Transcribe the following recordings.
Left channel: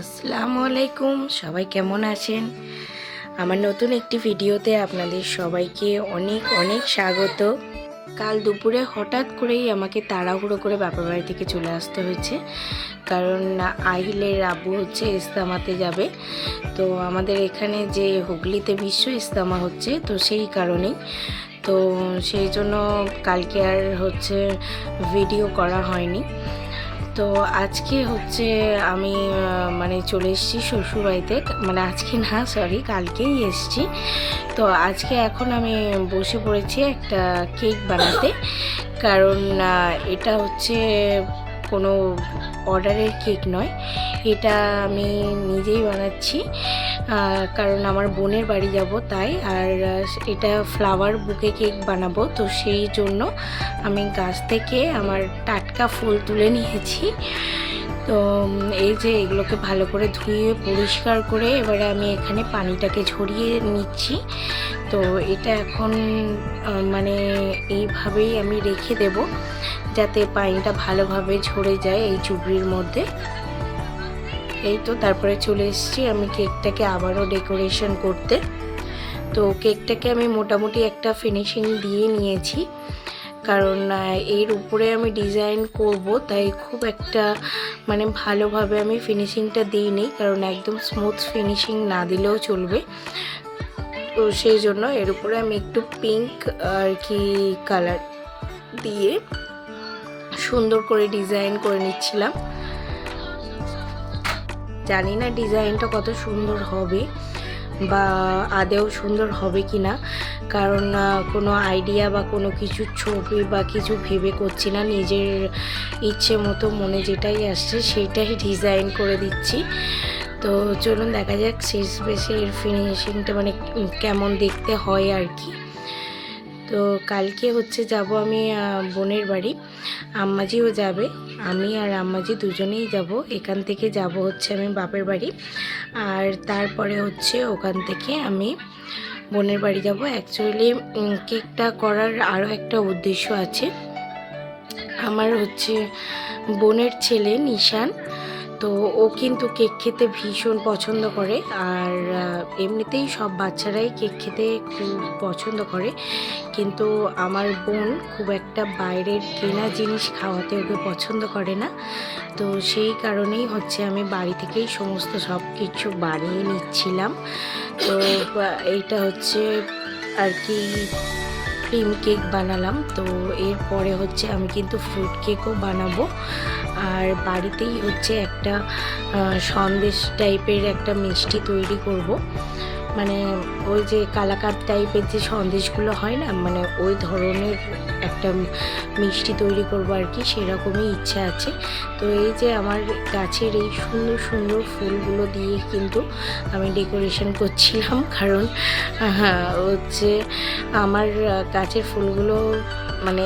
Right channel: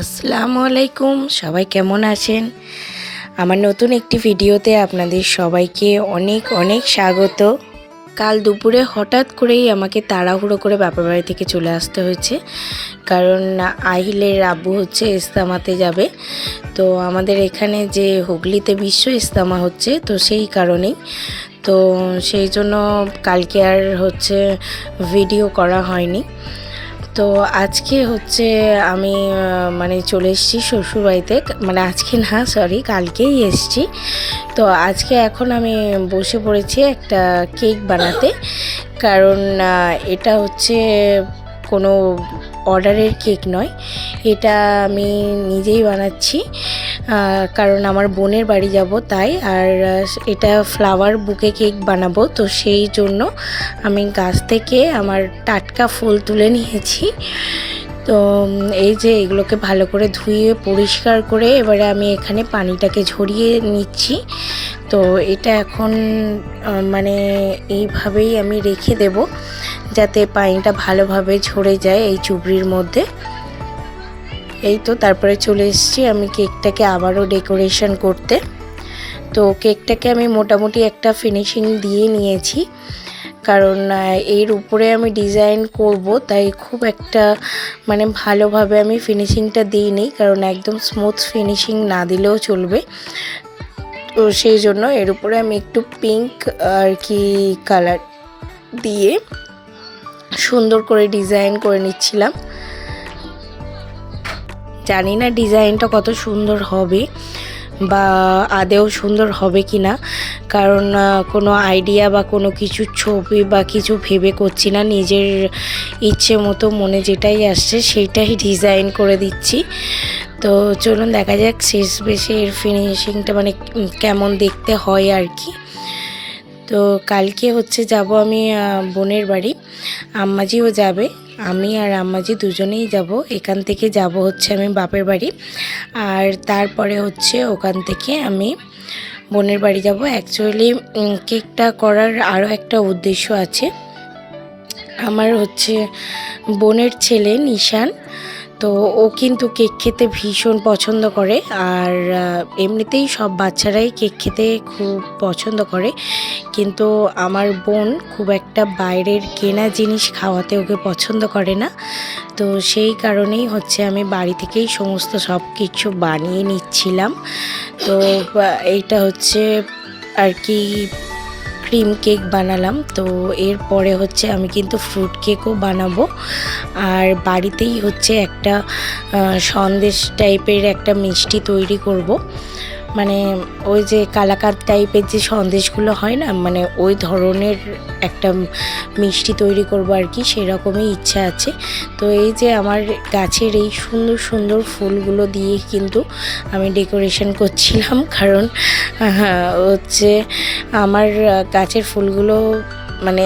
আসসালামু আলাইকুম, সবাই কেমন আছেন? আমার নতুন একটি ভিডিওতে আপনাদের সবাইকে অনেক অনেক স্বাগত। কাল দুপুরে হঠাৎ করেই আমাকে তাড়াহুড়ো করে বাপের বাড়ি থেকে চলে আসতে হয়েছে, কারণ আহিলের আব্বু হচ্ছে ইস্তেমাতে যাবে। তো আমাদের এখানে যে হুগলিতে বিশ্ব ইস্তেমা হচ্ছে, তো সেই কারণেই তো সেই জন্য কালকে আর হচ্ছে ভিডিও করা হয়নি। তো আজকে হচ্ছে আমি মানে চলে এসেছি শ্বশুরবাড়িতে, মানে আজকে না, সরি, কালকেই এসেছি। তো আজকে এখন আমি বসে পড়েছি একটা কেক বানাতে, কারণ এটা হচ্ছে কোনো অর্ডারের কেক নয়, এটা আমি নিজেই বানাচ্ছি, কারণ আমার বোনের বাড়ি যাব তাই। আর এটা ফ্লাওয়ার বুকে কেক বানাবো, তো সেই জন্য আমি গাছ থেকে আমার টাটকা ফুল তুলে নিয়েছি। তো এই যে এগুলোকে ভালো করে ধুয়ে পরিষ্কার করে এবারে আমি এখানে পানিটাকে ঝরিয়ে নিচ্ছি। তো এটা এখন মানে এইভাবেই আমি রেখে দেব, যাতে পানিটা ভালোভাবে ঝরে যায় এই চুবড়ির মধ্যে। এই তো তারপরে চলে এসেছি আমি কেকটাকে আবারও ডেকোরেশন করতে। তো কেকটাকে আমি মোটামুটি একটা ফিনিশিং দিয়ে নিয়েছি, কারণ এর উপরে আমি ডিজাইন করব, তাই খুব একটা মানে ভালোভাবে আমি ফিনিশিংটা দিইনি, কারণ একদম স্মুথ ফিনিশিং না দিলেও চলবে। তো সেই জন্য এর উপরে আমি একটু পিঙ্ক আর কি কালার দিয়ে সুন্দর করে ডিজাইন করে নিচ্ছিলাম। জানি না ডিজাইনটা কত সুন্দর হবে বা আদেও সুন্দর হবে কি না, কারণ কোনো আইডিয়া বা কোনো কিছু ছবি বা কিছু ভেবে করছি না, নিজের ইচ্ছে মতো মনে যেটাই আসছে সেইটাই ডিজাইন করে দিচ্ছি। তো চলুন দেখা যাক শেষ বেশি এর ফিনিশিংটা মানে কেমন দেখতে হয় আর কি। তো কালকে হচ্ছে যাব আমি বোনের বাড়ি, আম্মাজিও যাবে, আমি আর আম্মাজি দুজনেই যাব। এখান থেকে যাব হচ্ছে আমি বাপের বাড়ি, আর তারপরে হচ্ছে ওখান থেকে আমি বোনের বাড়ি যাব। অ্যাকচুয়ালি কেকটা করার আরও একটা উদ্দেশ্য আছে। আমার হচ্ছে বোনের ছেলে নিশান, তো ও কিন্তু কেক খেতে ভীষণ পছন্দ করে, আর এমনিতেই সব বাচ্চারাই কেক খেতে খুব পছন্দ করে, কিন্তু আমার বোন খুব একটা বাইরের কেনা জিনিস খাওয়াতে ওকে পছন্দ করে না। তো সেই কারণেই হচ্ছে আমি বাড়ি থেকেই সমস্ত সব কিছু বানিয়ে নিচ্ছিলাম। তো এইটা হচ্ছে আর কি ক্রিম কেক বানালাম। তো এরপরে হচ্ছে আমি কিন্তু ফ্রুট কেকও বানাবো, আর বাড়িতেই হচ্ছে একটা সন্দেশ টাইপের একটা মিষ্টি তৈরি করব, মানে ওই যে কালাকাঁদ টাইপের যে সন্দেশগুলো হয় না, মানে ওই ধরনের একটা মিষ্টি তৈরি করব আর কি, সেরকমই ইচ্ছা আছে। তো এই যে আমার গাছের এই সুন্দর সুন্দর ফুলগুলো দিয়ে কিন্তু আমি ডেকোরেশন করছিলাম, কারণ হচ্ছে আমার গাছের ফুলগুলো মানে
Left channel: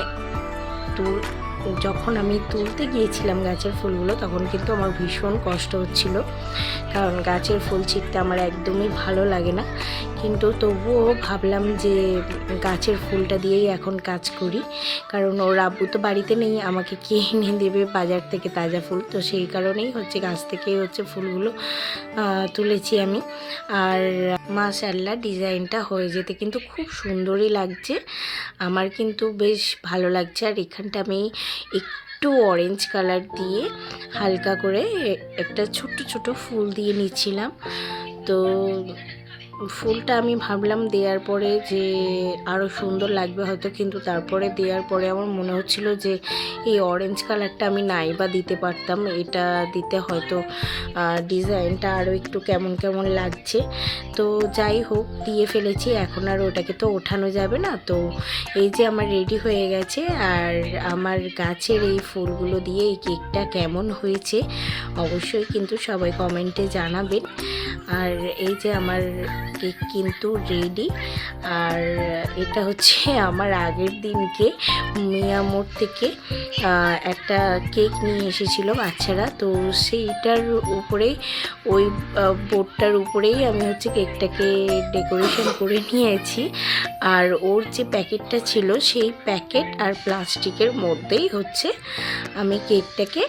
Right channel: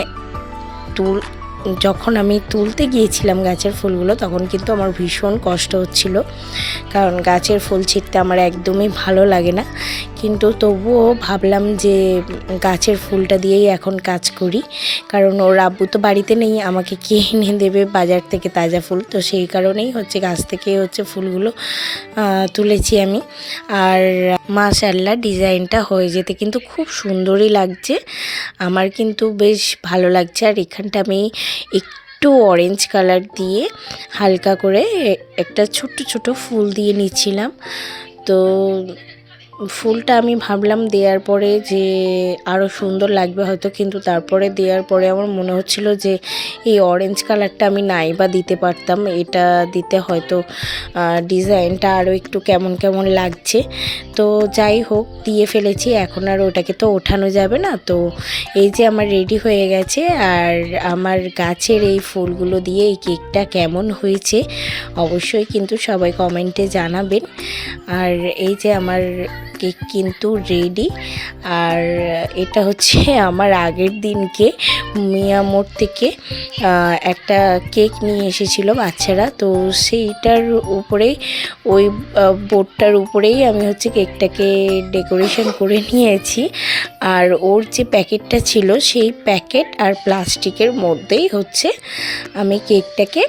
যখন আমি তুলতে গিয়েছিলাম গাছের ফুলগুলো, তখন কিন্তু আমার ভীষণ কষ্ট হচ্ছিল, কারণ গাছের ফুল ছিঁড়তে আমার একদমই ভালো লাগে না। কিন্তু তবুও ভাবলাম যে গাছের ফুলটা দিয়েই এখন কাজ করি, কারণ ওর আব্বু তো বাড়িতে নেই, আমাকে কে এনে দেবে বাজার থেকে তাজা ফুল। তো সেই কারণেই হচ্ছে গাছ থেকে হচ্ছে ফুলগুলো তুলেছি আমি। আর মাশাআল্লাহ ডিজাইনটা হয়ে যেতে কিন্তু খুব সুন্দরই লাগছে, আমার কিন্তু বেশ ভালো লাগছে। আর এখানটা আমি একটু অরেঞ্জ কালার দিয়ে হালকা করে একটা ছোট ছোট ফুল দিয়ে নিচ্ছিলাম। তো ফুলটা আমি ভাবলাম দেওয়ার পরে যে আরও সুন্দর লাগবে হয়তো, কিন্তু তারপরে দেওয়ার পরে আমার মনে হচ্ছিল যে এই অরেঞ্জ কালারটা আমি নাই বা দিতে পারতাম, এটা দিতে হয়তো ডিজাইনটা আরও একটু কেমন কেমন লাগছে। তো যাই হোক, দিয়ে ফেলেছি, এখন আর ওটাকে তো ওঠানো যাবে না। তো এই যে আমার রেডি হয়ে গেছে, আর আমার গাছের এই ফুলগুলো দিয়ে এই কেকটা কেমন হয়েছে অবশ্যই কিন্তু সবাই কমেন্টে জানাবেন। আর এই যে আমার কেক কিন্তু রেডি। আর এটা হচ্ছে আমার আগের দিনকে মিয়ামোড় থেকে একটা কেক নিয়ে এসেছিল বাচ্চারা, তো সেইটার উপরেই ওই বোর্ডটার উপরেই আমি হচ্ছে কেকটাকে ডেকোরেশন করে নিয়েছি। আর ওর যে প্যাকেটটা ছিল সেই প্যাকেট আর প্লাস্টিকের মধ্যেই হচ্ছে আমি কেকটাকে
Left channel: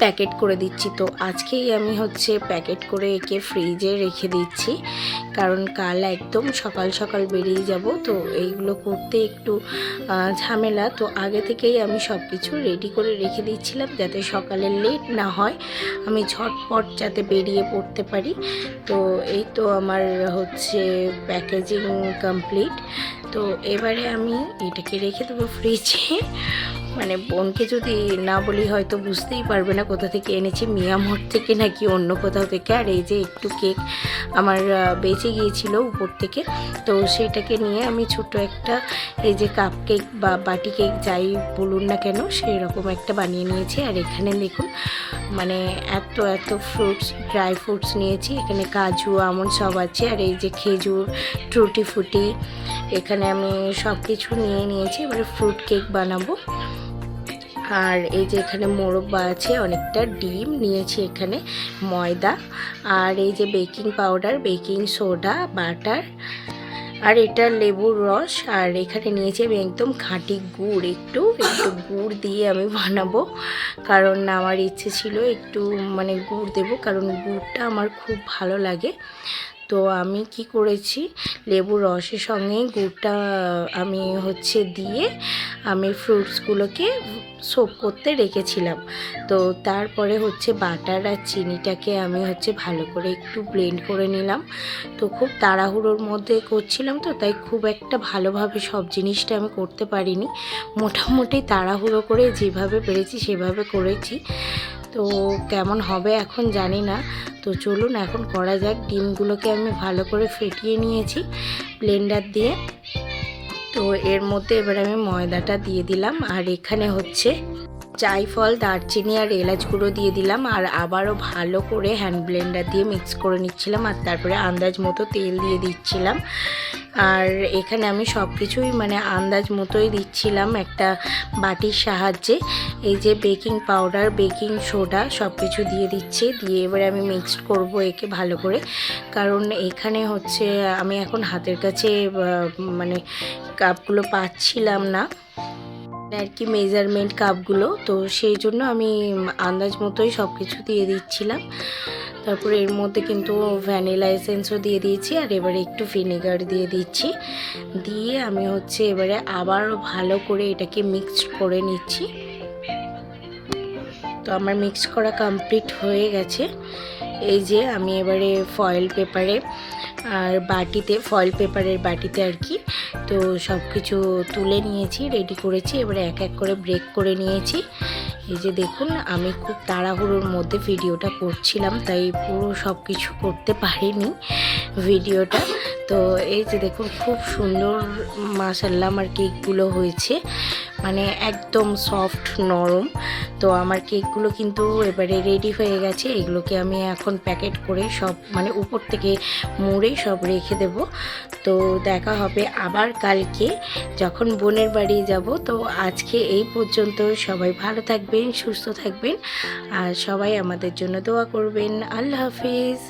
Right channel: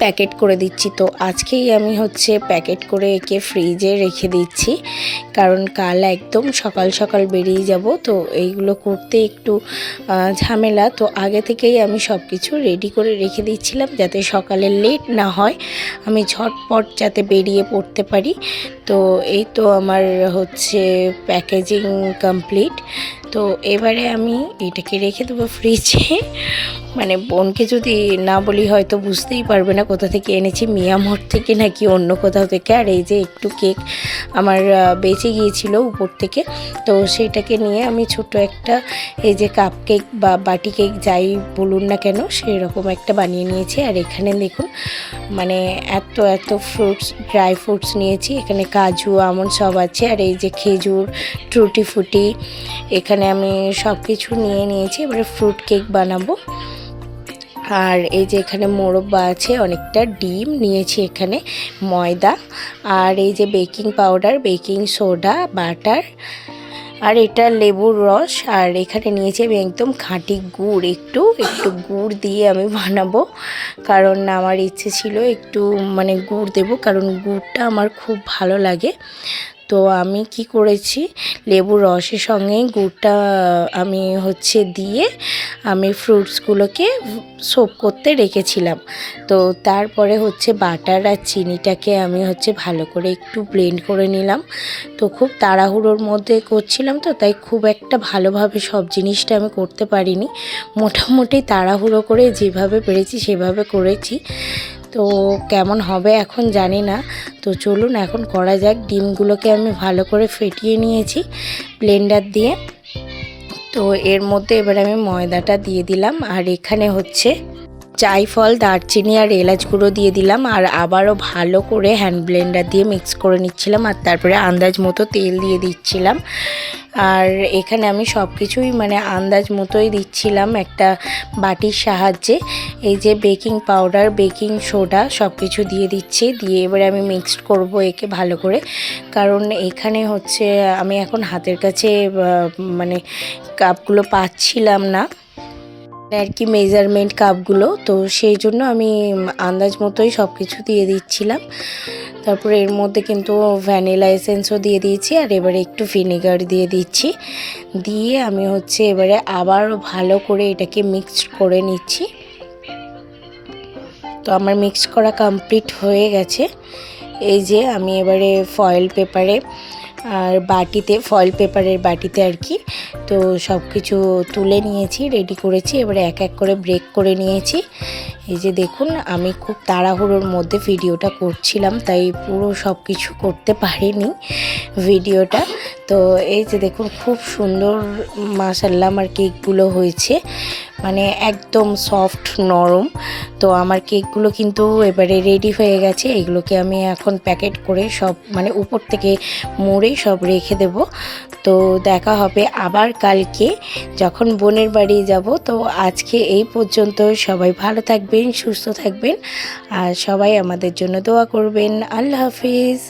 প্যাকেট করে দিচ্ছি। তো আজকেই আমি হচ্ছে প্যাকেট করে একে ফ্রিজে রেখে দিচ্ছি, কারণ কাল একদম সকাল সকাল বেরিয়ে যাব। তো এইগুলো করতে একটু ঝামেলা, তো আগে থেকেই আমি সব কিছু রেডি করে রেখে দিচ্ছিলাম যাতে সকালে লেট না হয়, আমি ঝটপট যাতে বেরিয়ে পড়তে পারি। তো এই তো আমার হচ্ছে প্যাকেজিং কমপ্লিট। তো এবারে আমি এটাকে রেখে দেবো ফ্রিজে। মানে বোনকে যদি না বলি হয়তো বুঝতেই পারবে না কোথা থেকে এনেছি, মিয়ামর থেকে নাকি অন্য কোথাও থেকে। আর এই যে একটু কেক আমার বেঁচে গিয়েছিল উপর থেকে, তো সেইটাকে নিয়ে আমি ছোট একটা এই যে কাপ কেক বা বাটি কেক যাই বলুন না কেন সেই রকম একটা বানিয়ে নিয়েছি। আর এখানে দেখুন মানে এত এত ফ্রুটস, ড্রাই ফ্রুটস নিয়েছি, এখানে কাজু আমন্ড সব আছে। আর এই যে খেজুর, টুটি ফুটি, এখানে আমি সব কিছু নিয়ে নিয়েছি। এবারে ফ্রুট কেক বানাবো। আর এই যে এখানে মোরব্বা আছে, অনেকটা ডিম নিয়েছি, এখানে ময়দা, আর এই যে baking powder, baking soda, butter, আর এটা লেবুর রস। আর এখানে নিয়েছি আমি একদম খাঁটি গুড়, একটু একটু গুড় দিয়ে আমি বানাবো, কারণ আমার ইচ্ছে ছিল একটু মানে গুড় দেবো, কারণ গুড়টা আমার খুব ভালো লাগে। তো আমি কি করেছি, লেবুর রসের সঙ্গে গুড়টা আমি হচ্ছে দিয়ে আমি ফ্রুটসগুলোকে সোক করতে রেখেছিলাম। তো তারপরে হচ্ছে বাটার আর চিনিটাকে আমি হচ্ছে ভালো করে একটু ব্লেন্ড করে নিলাম। তো খুব তাড়াহুড়োর মধ্যে করছিলাম, তো তাই খুব একটা ভালোভাবে সব জিনিসটা আমি করতে পারিনি, মোটামুটি তাড়াহুড়ো করে যেভাবে পেরেছি সেভাবে করেছি। তো কেমন হবে এখন জানি না। তো চলুন এখন করা যাক। ডিমগুলোকে আমি ভালো করে ফেটিয়ে নিয়েছি ব্লেন্ডার দিয়ে। তো এর মধ্যে এবার আমি ময়দাটা দিয়ে দিলাম, আর এখানে হচ্ছে জায়ফল, দারচিনি আর এলাচ গুঁড়ো দিয়ে দিলাম, আর আবারও ভালো করে হ্যান্ড ব্লেন্ডার দিয়ে মিক্স করে নিচ্ছিলাম। আর তারপরে আন্দাজ মতো তেল দিয়ে দিচ্ছিলাম। আর এখানে আমি সব কিছুই মানে আন্দাজ মতোই দিচ্ছিলাম একটা বাটির সাহায্যে। এই যে বেকিং পাউডার, বেকিং সোডা সব কিছু দিয়ে দিচ্ছি, দিয়ে এবারে আমি মিক্সড করব একে ভালো করে, কারণ এখানে হচ্ছে আমি এখন হাতের কাছে মানে কাপগুলো পাচ্ছিলাম না আর কি, মেজারমেন্ট কাপগুলো। তো সেই জন্য আমি আন্দাজ মতোই সব কিছু দিয়ে দিচ্ছিলাম। তারপরে এর মধ্যে কিন্তু ভ্যানিলা এসেন্সও দিয়ে দিয়েছি, আর এবারে একটু ভিনেগার দিয়ে দিচ্ছি, দিয়ে আমি হচ্ছে এবারে আবারও ভালো করে এটাকে মিক্সড করে নিচ্ছি। তো আমার মিক্স করা কমপ্লিট হয়ে গেছে। এই যে আমি এবারে ফয়েল পেপারে আর বাটিতে, ফয়েল পেপারের বাটিতে আর কি, তো সব কিছু তুলে নিয়েছি, রেডি করেছি। এবারে এক এক করে ব্রেক করে নিয়েছি। এই যে দেখুন আমি খুব তাড়াহুড়োর মধ্যে ভিডিওটা করছিলাম, তাই পুরো সব কিছু করতে পারিনি ভিডিওটা। তো এই যে দেখুন খুব সুন্দর মাশাআল্লাহ আমার কেকগুলো হয়েছে, মানে একদম সফট নরম। তো আমার কেকগুলো কিন্তু এবারে রেডি হয়ে গেছে, এগুলোকে আমি এখন প্যাকেট করে সব মানে উপর থেকে মুড়ে সব রেখে দেব। তো দেখা হবে আবার কালকে যখন বোনের বাড়ি যাব। তো আজকে এই পর্যন্ত, সবাই ভালো থাকবেন, সুস্থ থাকবেন, আর সবাই আমাদের জন্য দোয়া করবেন। আল্লাহ হাফিজ।